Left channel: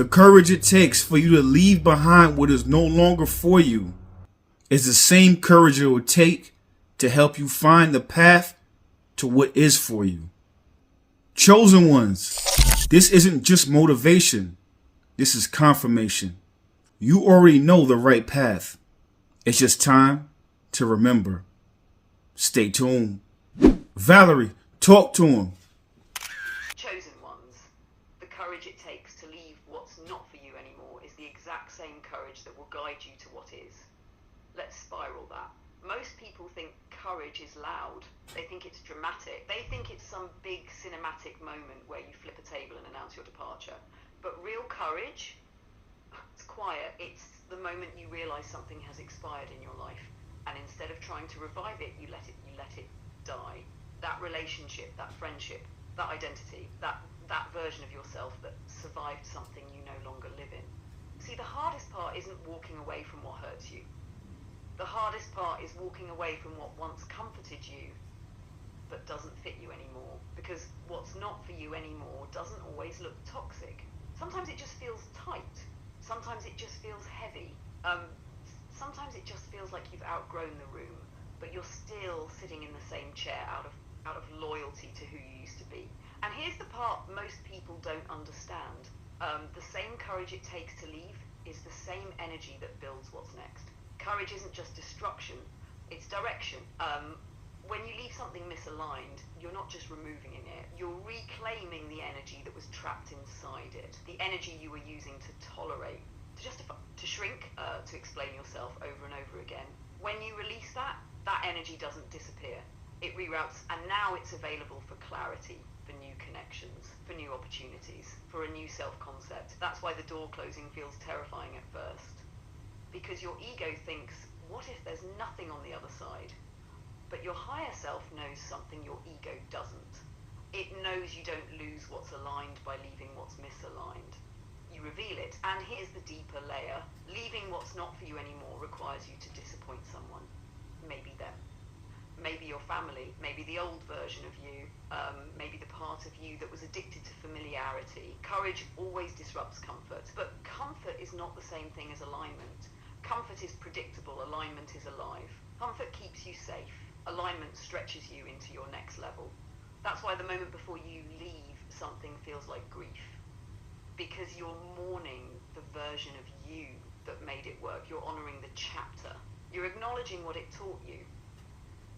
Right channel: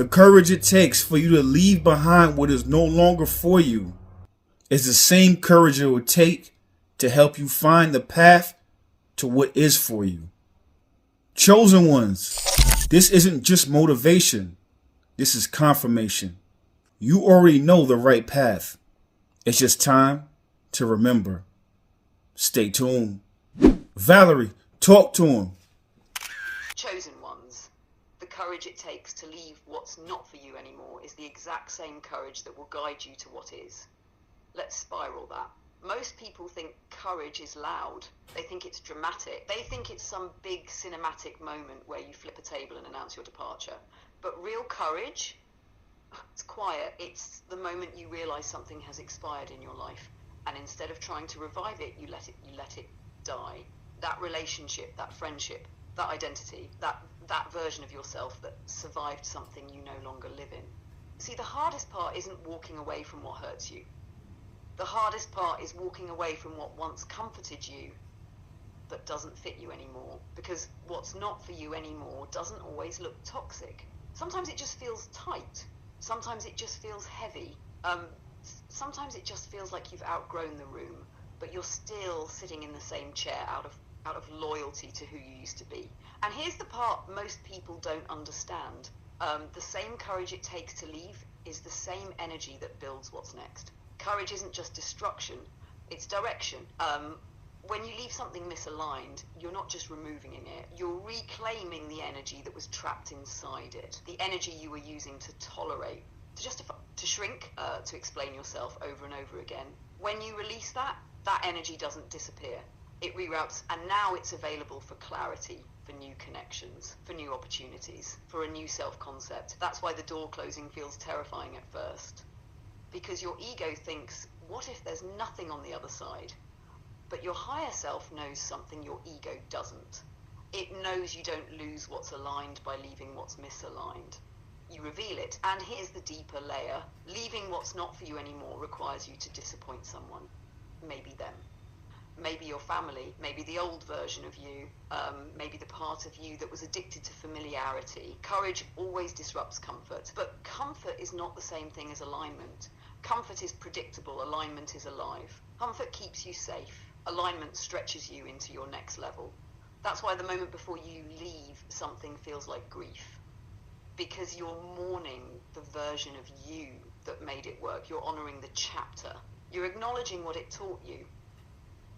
The courage it takes for you to leave behind what is no longer for you is the same courage it will take to help you find the path to what is for you. Chosen ones, this isn't just motivation. This is confirmation. You already know the right path. It's just time to remember. Stay tuned. Valerie, talk to him. Chosen ones, the courage it takes to leave what's not for you anymore is the exact same courage that will guide you to what is. Let's spiral that. Most people think courage is loud. They think it's dramatic. They think it's some big cinematic moment where you flip a table and announce your departure. But real courage, it's quiet. It's the moment you realize something has expired in your life, and instead of trying to revive it, you let it die. That relationship, that friendship, that identity, that version of yourself that survived something you no longer live in. See, the hardest part isn't walking away from what hurts you. The hardest part is walking away from what once comforted you but doesn't fit you anymore, because what's not for you anymore doesn't always look toxic. Sometimes it just feels tight. Sometimes it just feels heavy. Sometimes it just feels like you've outgrown the room, but you're still sitting in the same chair out of loyalty to who you used to be. And here's the part most people don't understand. The same courage it takes to leave is the same energy that builds what's next. Courage isn't just destruction, it's direction. When you leave something misaligned, you're not just removing it, you're reclaiming the energy that was trapped inside it, the energy you were using to tolerate, to justify, to shrink, to explain yourself over and over again. When you release that energy doesn't disappear. It reroutes, and now it's available for clarity, for new connections, for new opportunities, for a new self-concept. That's why the door closing feels terrifying at first. Because your ego thinks, what if there's nothing on the other side? But your higher self knows something your ego doesn't. It knows you don't lose what's aligned by leaving what's misaligned. You reveal it, and here's the deeper layer. Leaving what's not for you anymore requires you to disappoint someone. Maybe them. Maybe your family, maybe the old version of you, maybe the part of you that was addicted to familiarity. Courage always disrupts comfort, but comfort is not the same thing as alignment. Comfort is predictable, alignment is alive. Comfort keeps you safe, alignment stretches you into your next level. That's why the moment before you leave, something feels like grief. Because you're mourning the version of you that made it work. You're honoring the chapter. You're acknowledging what it taught you.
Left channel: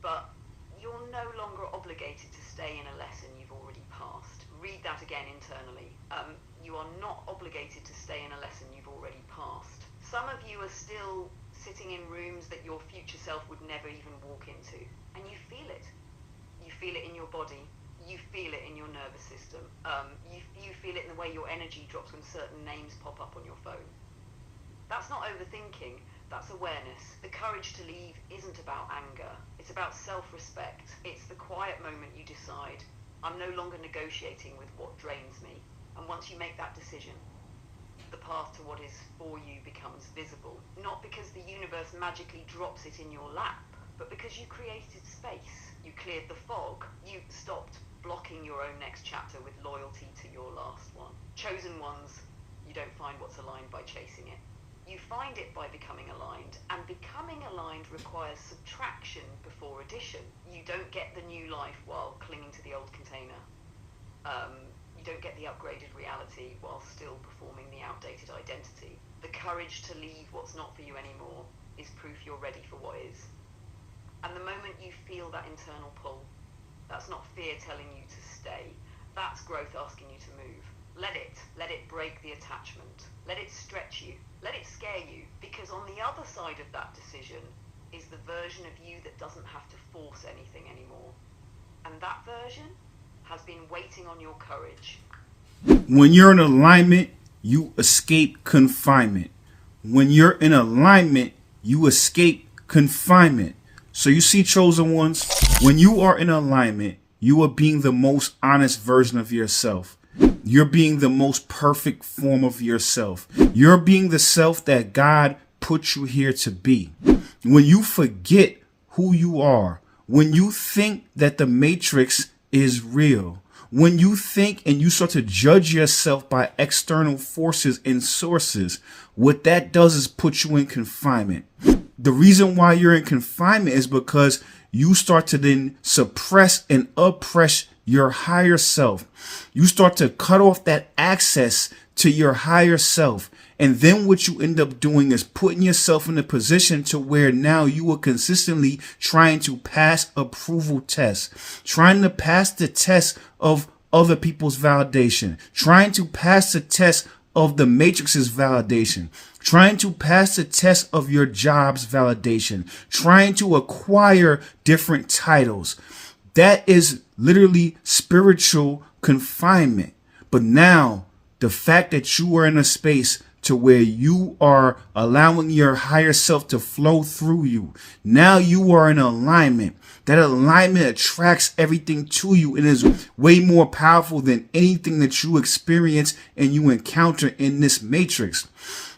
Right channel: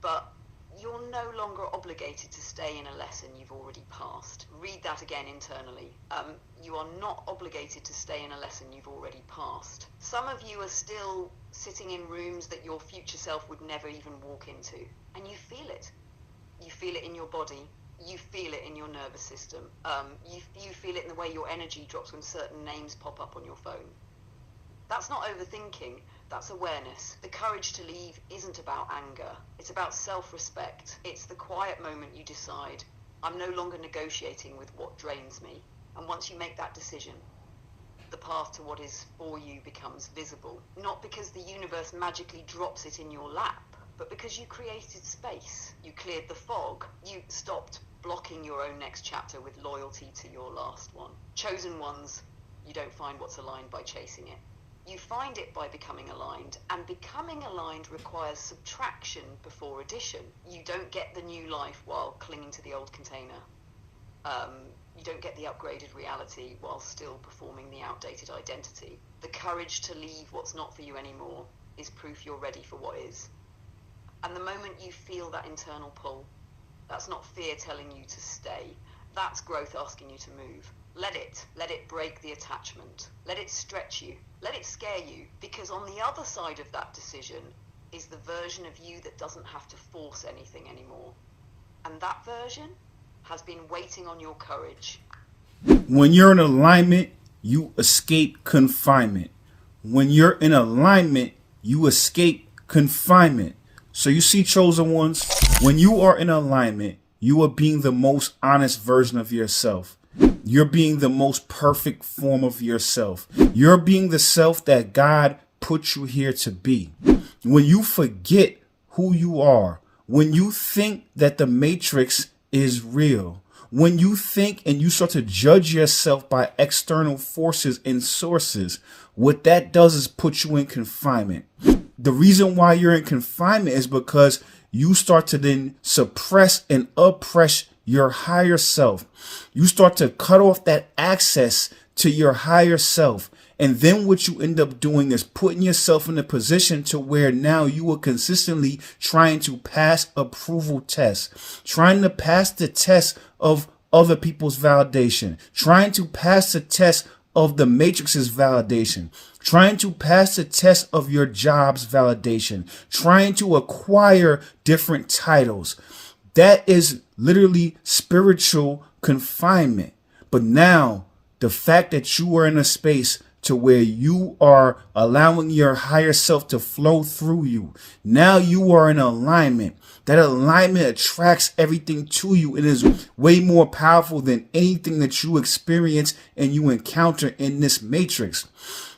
But you're no longer obligated to stay in a lesson you've already passed. Read that again internally. You are not obligated to stay in a lesson you've already passed. Some of you are still sitting in rooms that your future self would never even walk into. And you feel it. You feel it in your body. You feel it in your nervous system. You feel it in the way your energy drops when certain names pop up on your phone. That's not overthinking. That's awareness. The courage to leave isn't about anger. It's about self-respect. It's the quiet moment you decide, I'm no longer negotiating with what drains me. And once you make that decision, the path to what is for you becomes visible. Not because the universe magically drops it in your lap, but because you created space. You cleared the fog. You stopped blocking your own next chapter with loyalty to your last one. Chosen ones, you don't find what's aligned by chasing it. You find it by becoming aligned, and becoming aligned requires subtraction before addition. You don't get the new life while clinging to the old container. You don't get the upgraded reality while still performing the outdated identity. The courage to leave what's not for you anymore is proof you're ready for what is. And the moment you feel that internal pull, that's not fear telling you to stay, that's growth asking you to move. Let it break the attachment. Let it stretch you. Let it scare you. Because on the other side of that decision is the version of you that doesn't have to force anything anymore. And that version has been waiting on your courage. When you're in alignment, you escape confinement. When you're in alignment, you escape confinement. So you see, chosen ones, when you are in alignment, you are being the most honest version of yourself. You're being the most perfect form of yourself. You're being the self that God put you here to be. When you forget who you are, when you think that the matrix is real, When you think and you start to judge yourself by external forces and sources, what that does is put you in confinement. The reason why you're in confinement is because you start to then suppress and oppress your higher self. You start to cut off that access to your higher self. And then what you end up doing is putting yourself in a position to where now you are consistently trying to pass approval tests, trying to pass the test of other people's validation, trying to pass the test of the matrix's validation, trying to pass the test of your job's validation, trying to acquire different titles. That is literally spiritual confinement. But now the fact that you are in a space to where you are allowing your higher self to flow through you, now you are in alignment. That alignment attracts everything to you. It is way more powerful than anything that you experience and you encounter in this matrix,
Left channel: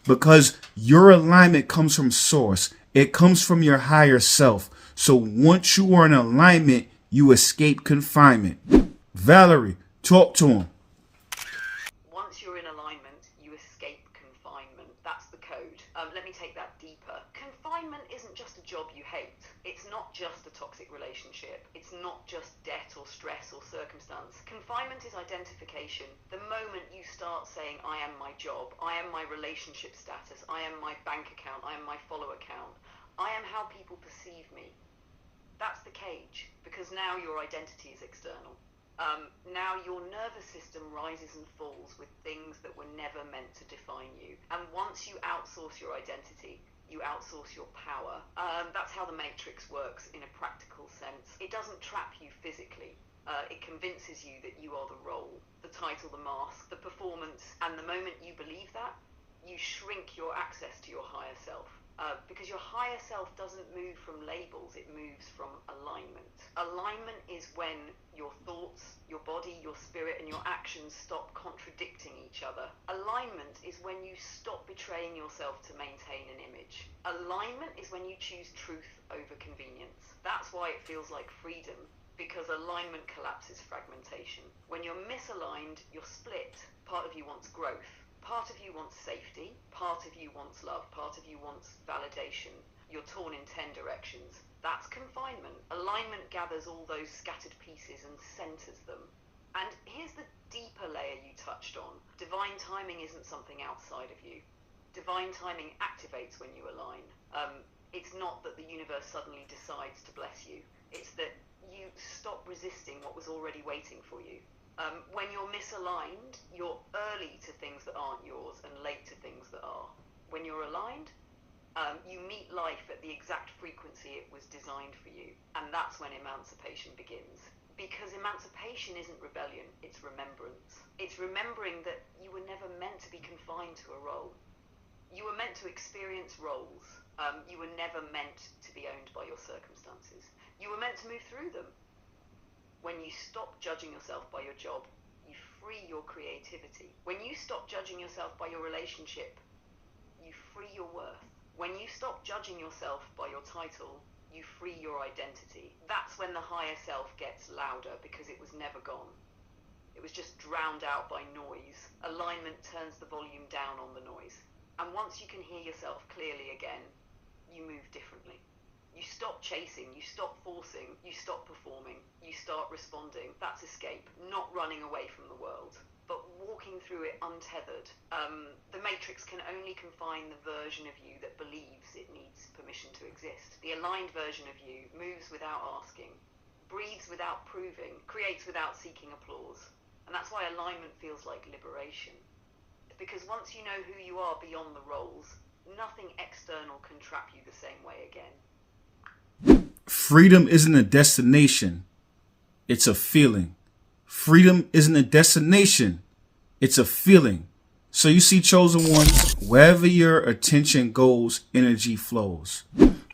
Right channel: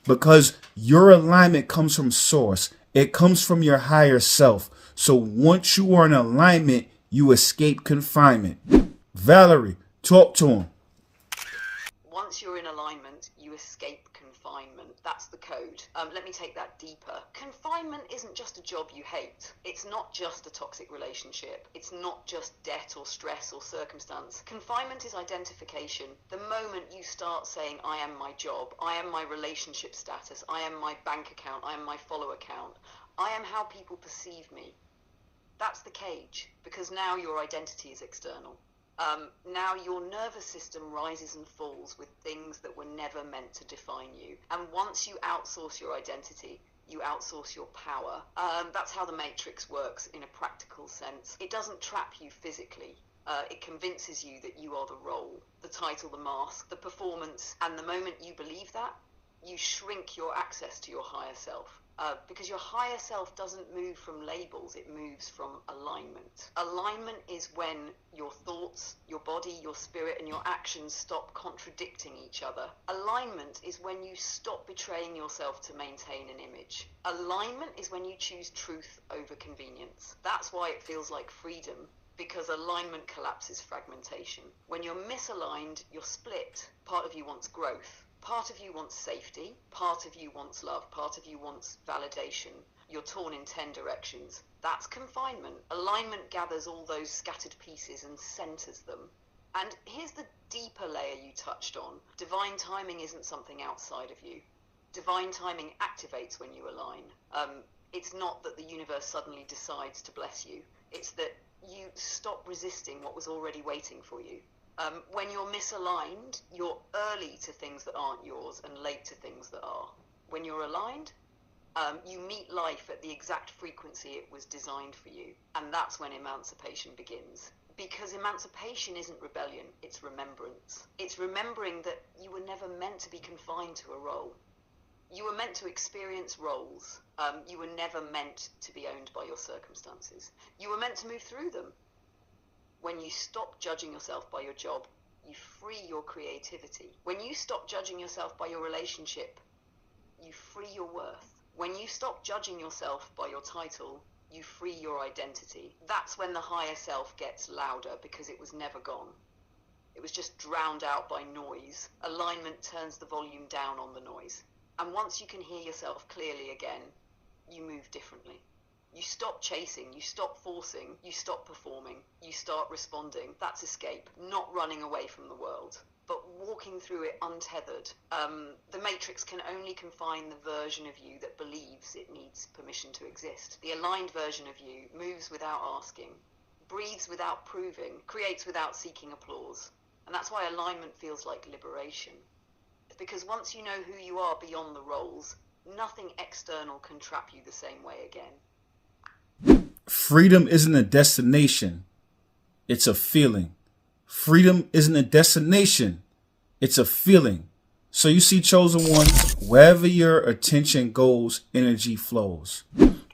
because your alignment comes from source. It comes from your higher self. So once you are in alignment, you escape confinement. Valerie, talk to him. Once you're in alignment, you escape confinement. That's the code. Let me take that deeper. Confinement isn't just a job you hate. It's not just a toxic relationship. It's not just debt or stress or circumstance. Confinement is identification. The moment you start saying, I am my job, I am my relationship status, I am my bank account, I am my follow account, I am how people perceive me. That's the cage, because now your identity is external. Now your nervous system rises and falls with things that were never meant to define you. And once you outsource your identity, you outsource your power. That's how the matrix works in a practical sense. It doesn't trap you physically. It convinces you that you are the role, the title, the mask, the performance. And the moment you believe that, you shrink your access to your higher self. Because your higher self doesn't move from labels, it moves from alignment. Alignment is when your thoughts, your body, your spirit, and your actions stop contradicting each other. Alignment is when you stop betraying yourself to maintain an image. Alignment is when you choose truth over convenience. That's why it feels like freedom, because alignment collapses fragmentation. When you're misaligned, you're split. Part of you wants growth. Part of you wants safety, part of you wants love, part of you wants validation. You're torn in 10 directions. That's confinement. Alignment gathers all those scattered pieces and centers them. And here's the deeper layer you touched on. Divine timing isn't something outside of you. Divine timing activates when you align. It's not that the universe suddenly decides to bless you. It's that you stop resisting what was already waiting for you. When you're misaligned, you're early to things that aren't yours and late to things that are. When you're aligned, you meet life at the exact frequency it was designed for you. And that's when emancipation begins. Because emancipation isn't rebellion, it's remembrance. It's remembering that you were never meant to be confined to a role. You were meant to experience roles. You were never meant to be owned by your circumstances. You were meant to move through them. When you stop judging yourself by your job, you free your creativity. When you stop judging yourself by your relationship, you free your worth. When you stop judging yourself by your title, you free your identity. That's when the higher self gets louder, because it was never gone. It was just drowned out by noise. Alignment turns the volume down on the noise. And once you can hear yourself clearly again, you move differently. You stop chasing, you stop forcing, you stop performing, you start responding. That's escape, not running away from the world, but walking through it untethered. The matrix can only confine the version of you that believes it needs permission to exist. The aligned version of you moves without asking, breathes without proving, creates without seeking applause. And that's why alignment feels like liberation. Because once you know who you are beyond the roles, nothing external can trap you the same way again. Freedom isn't a destination, it's a feeling. Freedom isn't a destination, it's a feeling. So you see, chosen one, wherever your attention goes, energy flows.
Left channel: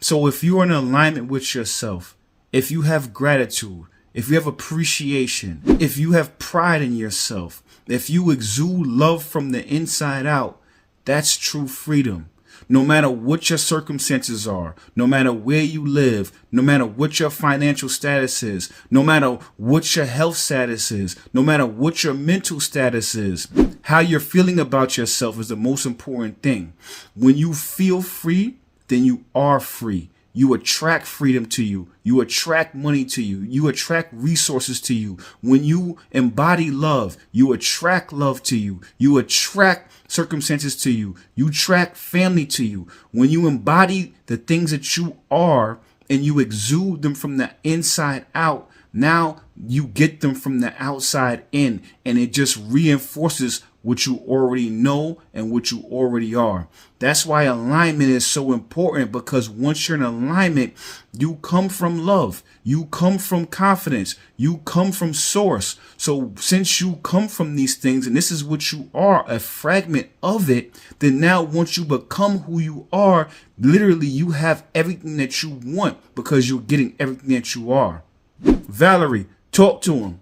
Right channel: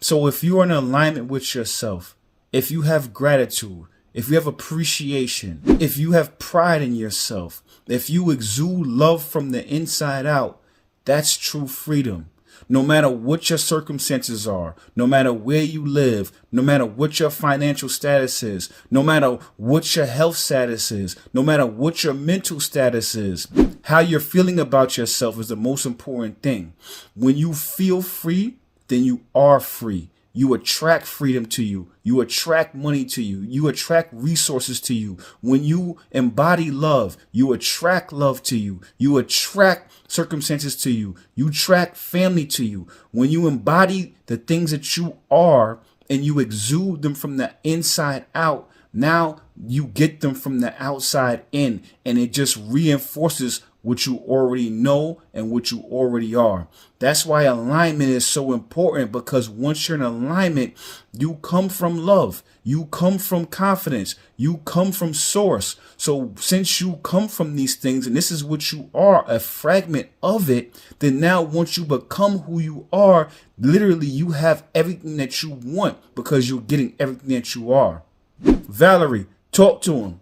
So if you are in alignment with yourself, if you have gratitude, if you have appreciation, if you have pride in yourself, if you exude love from the inside out, that's true freedom. No matter what your circumstances are, no matter where you live, no matter what your financial status is, no matter what your health status is, no matter what your mental status is, how you're feeling about yourself is the most important thing. When you feel free, then you are free. You attract freedom to you. You attract money to you. You attract resources to you. When you embody love, you attract love to you. You attract circumstances to you. You attract family to you. When you embody the things that you are and you exude them from the inside out, now you get them from the outside in, and it just reinforces what you already know and what you already are. That's why alignment is so important, because once you're in alignment, you come from love. You come from confidence. You come from source. So since you come from these things, and this is what you are, a fragment of it, then now once you become who you are, literally you have everything that you want because you're getting everything that you are. Valerie, talk to him.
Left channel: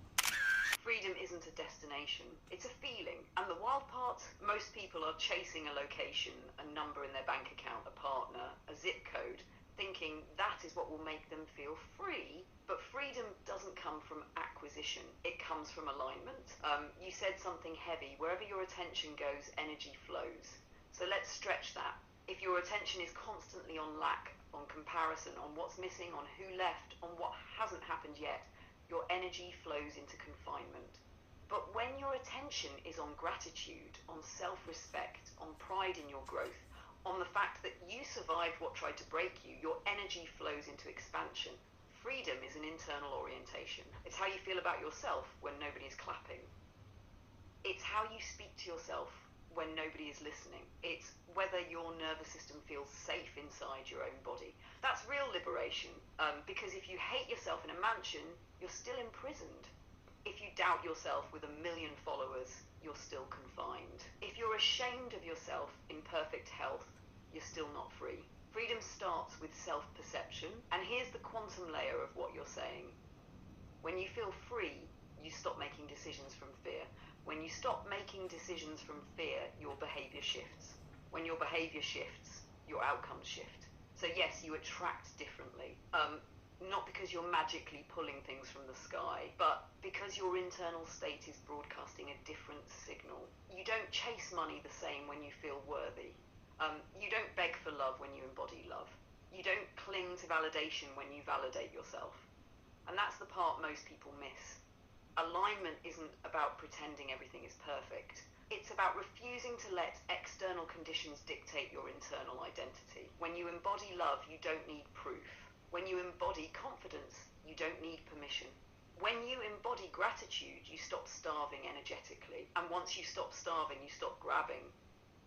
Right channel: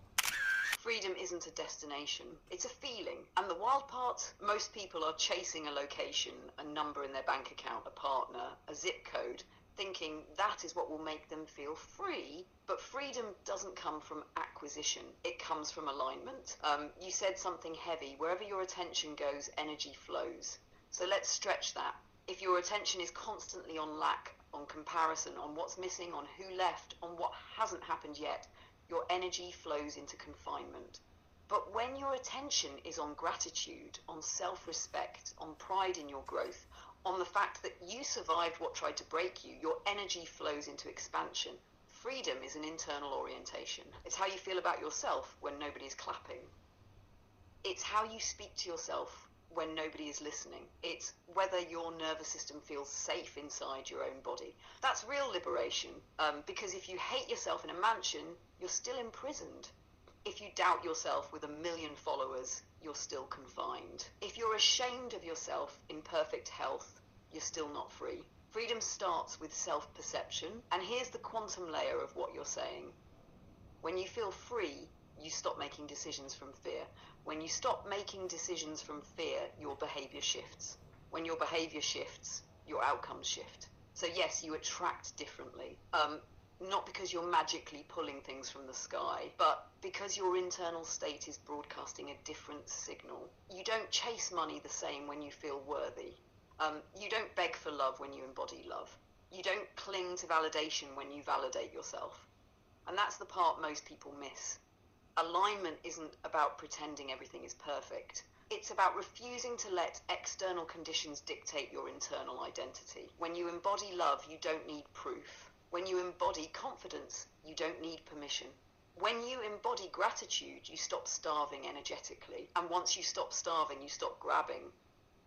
Freedom isn't a destination, it's a feeling. And the wild part, most people are chasing a location, a number in their bank account, a partner, a zip code, thinking that is what will make them feel free. But freedom doesn't come from acquisition, it comes from alignment. You said something heavy. Wherever your attention goes, energy flows. So let's stretch that. If your attention is constantly on lack, on comparison, on what's missing, on who left, on what hasn't happened yet, your energy flows into confinement. But when your attention is on gratitude, on self-respect, on pride in your growth, on the fact that you survived what tried to break you, your energy flows into expansion. Freedom is an internal orientation. It's how you feel about yourself when nobody's clapping. It's how you speak to yourself when nobody is listening. It's whether your nervous system feels safe inside your own body. That's real liberation, because if you hate yourself in a mansion, you're still imprisoned. If you doubt yourself with 1 million followers, you're still confined. If you're ashamed of yourself in perfect health, you're still not free. Freedom starts with self-perception, and here's the quantum layer of what you're saying. When you feel free, you stop making decisions from fear. When you stop making decisions from fear, your behavior shifts. When your behavior shifts, your outcomes shift. So yes, you attract differently. Not because you're magically pulling things from the sky, but because your internal state is broadcasting a different signal. You don't chase money the same when you feel worthy. You don't beg for love when you embody love. You don't cling to validation when you validate yourself. And that's the part most people miss. Alignment isn't about pretending everything is perfect. It's about refusing to let external conditions dictate your internal identity. When you embody love, you don't need proof. When you embody confidence, you don't need permission. When you embody gratitude, you stop starving energetically. And once you stop starving, you stop grabbing.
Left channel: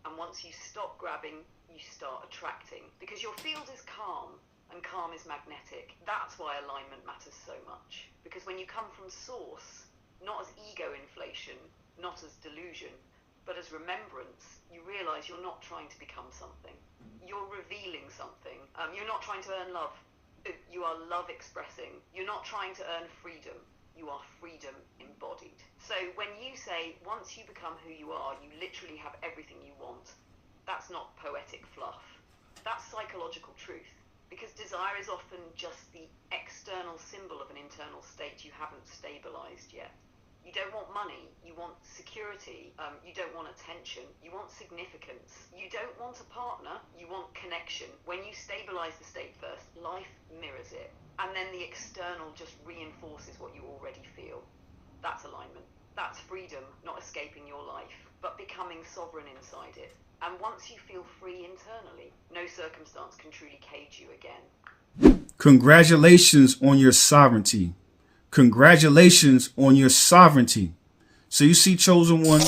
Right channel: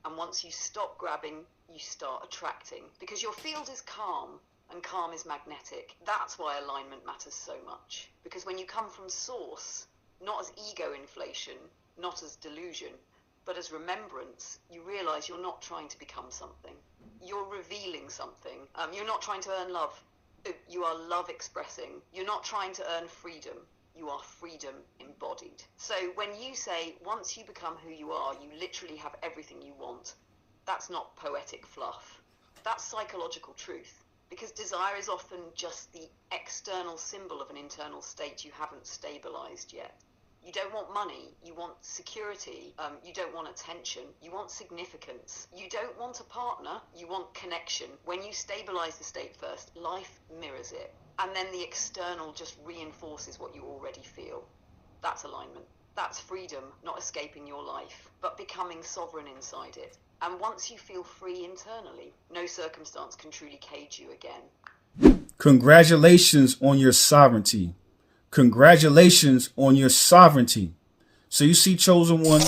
And once you stop grabbing, you start attracting. Because your field is calm, and calm is magnetic. That's why alignment matters so much. Because when you come from source, not as ego inflation, not as delusion, but as remembrance, you realize you're not trying to become something. You're revealing something. You're not trying to earn love. You are love expressing. You're not trying to earn freedom. You are freedom embodied. So when you say, once you become who you are, you literally have everything you want, that's not poetic fluff. That's psychological truth. Because desire is often just the external symbol of an internal state you haven't stabilized yet. You don't want money, you want security, you don't want attention, you want significance. You don't want a partner, you want connection. When you stabilize the state first, life mirrors it. And then the external just reinforces what you already feel. That's alignment. That's freedom, not escaping your life, but becoming sovereign inside it. And once you feel free internally, no circumstance can truly cage you again. Congratulations on your sovereignty. Congratulations on your sovereignty. So you see, chosen one,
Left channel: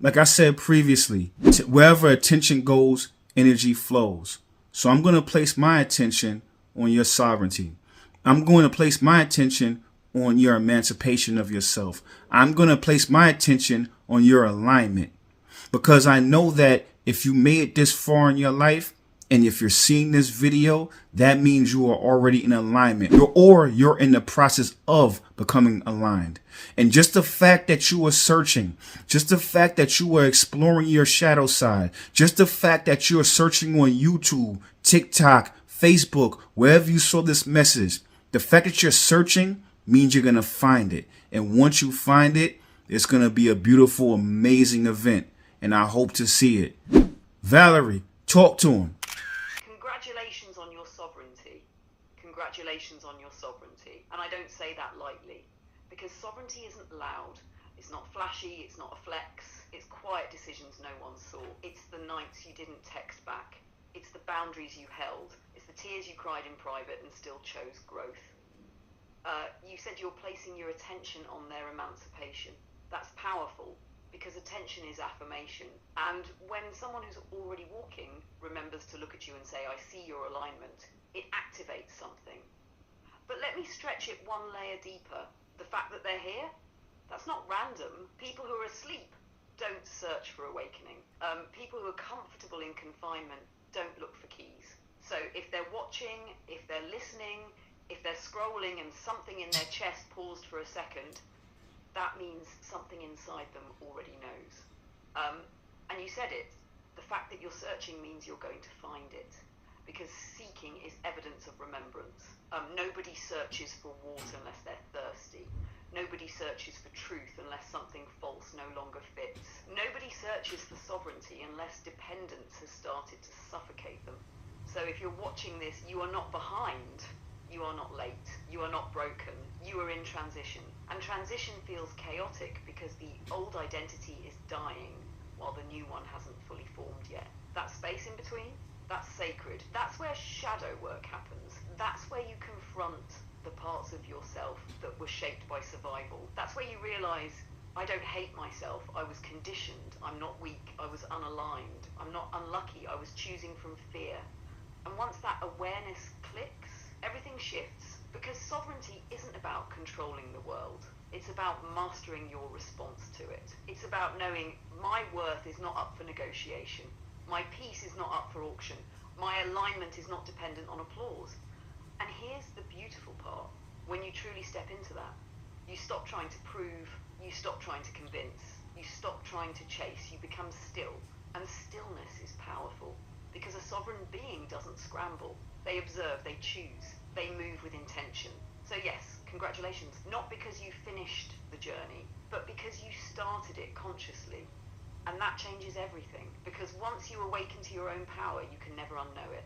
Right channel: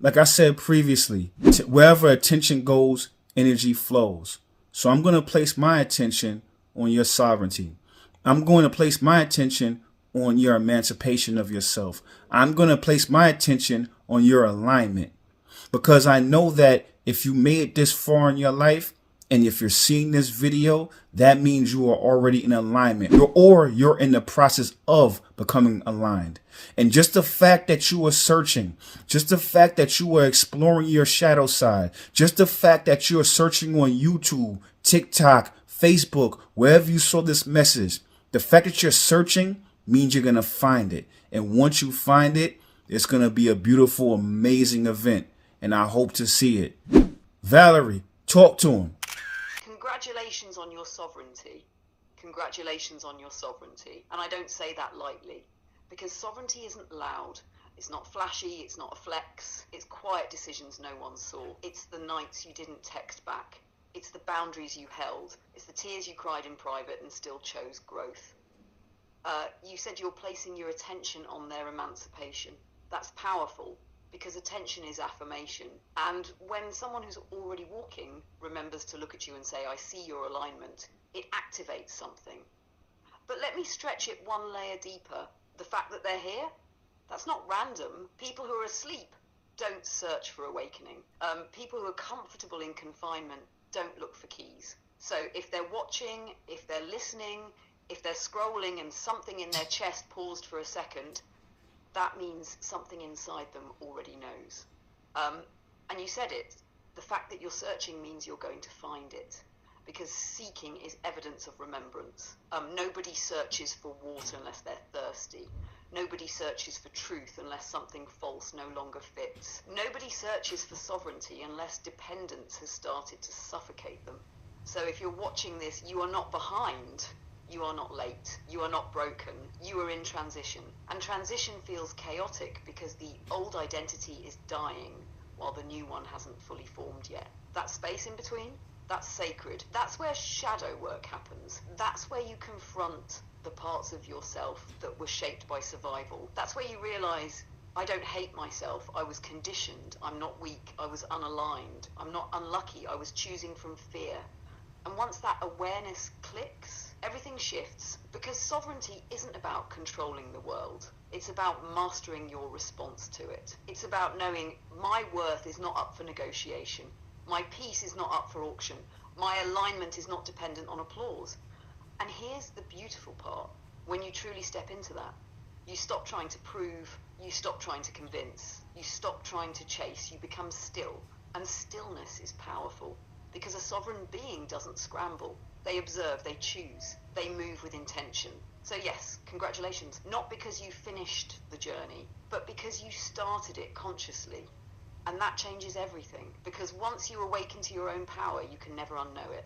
like I said previously, wherever attention goes, energy flows. So I'm going to place my attention on your sovereignty. I'm going to place my attention on your emancipation of yourself. I'm going to place my attention on your alignment, because I know that if you made it this far in your life, And if you're seeing this video, that means you are already in alignment, or you're in the process of becoming aligned. And just the fact that you are searching, just the fact that you are exploring your shadow side, just the fact that you are searching on YouTube, TikTok, Facebook, wherever you saw this message, the fact that you're searching means you're going to find it. And once you find it, it's going to be a beautiful, amazing event. And I hope to see it. Valerie, talk to him. Congratulations on your sovereignty. Congratulations on your sovereignty. And I don't say that lightly, because sovereignty isn't loud. It's not flashy. It's not a flex. It's quiet decisions no one saw. It's the nights you didn't text back. It's the boundaries you held. It's the tears you cried in private and still chose growth. You said you're placing your attention on their emancipation. That's powerful, because attention is affirmation. And when someone who's already walking remembers to look at you and say, I see your alignment, it activates something. But let me stretch it one layer deeper. The fact that they're here, that's not random. People who are asleep don't search for awakening. People who are comfortable in confinement don't look for keys. So if they're watching, if they're listening, if they're scrolling and something in their chest paused for a second, that means something inside them already knows. And you said it, the fact that you're searching means you're going to find it, because seeking is evidence of remembrance. Nobody searches for water unless they're thirsty. Nobody searches for truth unless something false no longer fits. Nobody searches for sovereignty unless dependence has started to suffocate them. So if you're watching this, you are not behind. You are not late. You are not broken. You are in transition. And transition feels chaotic because the old identity is dying while the new one hasn't fully formed yet. That space in between, that's sacred. That's where shadow work happens. That's where you confront the parts of yourself that were shaped by survival. That's where you realize, I don't hate myself. I was conditioned. I'm not weak. I was unaligned. I'm not unlucky. I was choosing from fear. And once that awareness clicks, everything shifts, because sovereignty isn't about controlling the world. It's about mastering your response to it. It's about knowing my worth is not up for negotiation. My peace is not up for auction. My alignment is not dependent on applause. And here's the beautiful part. When you truly step into that, you stop trying to prove, you stop trying to convince, you stop trying to chase, you become still. And stillness is powerful. Because a sovereign being doesn't scramble. They observe, they choose, they move with intention. So yes, congratulations. Not because you finished the journey, but because you started it consciously. And that changes everything. Because once you awaken to your own power, you can never unknow it.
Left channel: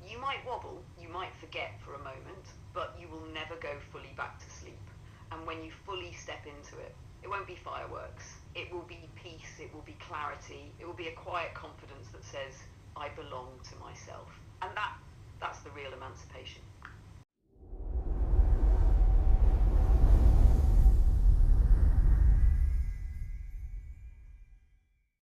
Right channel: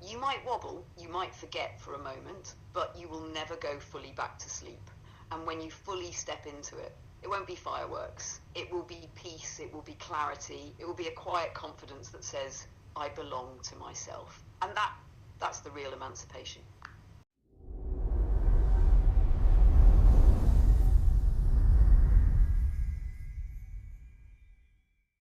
You might wobble, you might forget for a moment, but you will never go fully back to sleep. And when you fully step into it, it won't be fireworks. It will be peace, it will be clarity, it will be a quiet confidence that says, I belong to myself. And that's the real emancipation.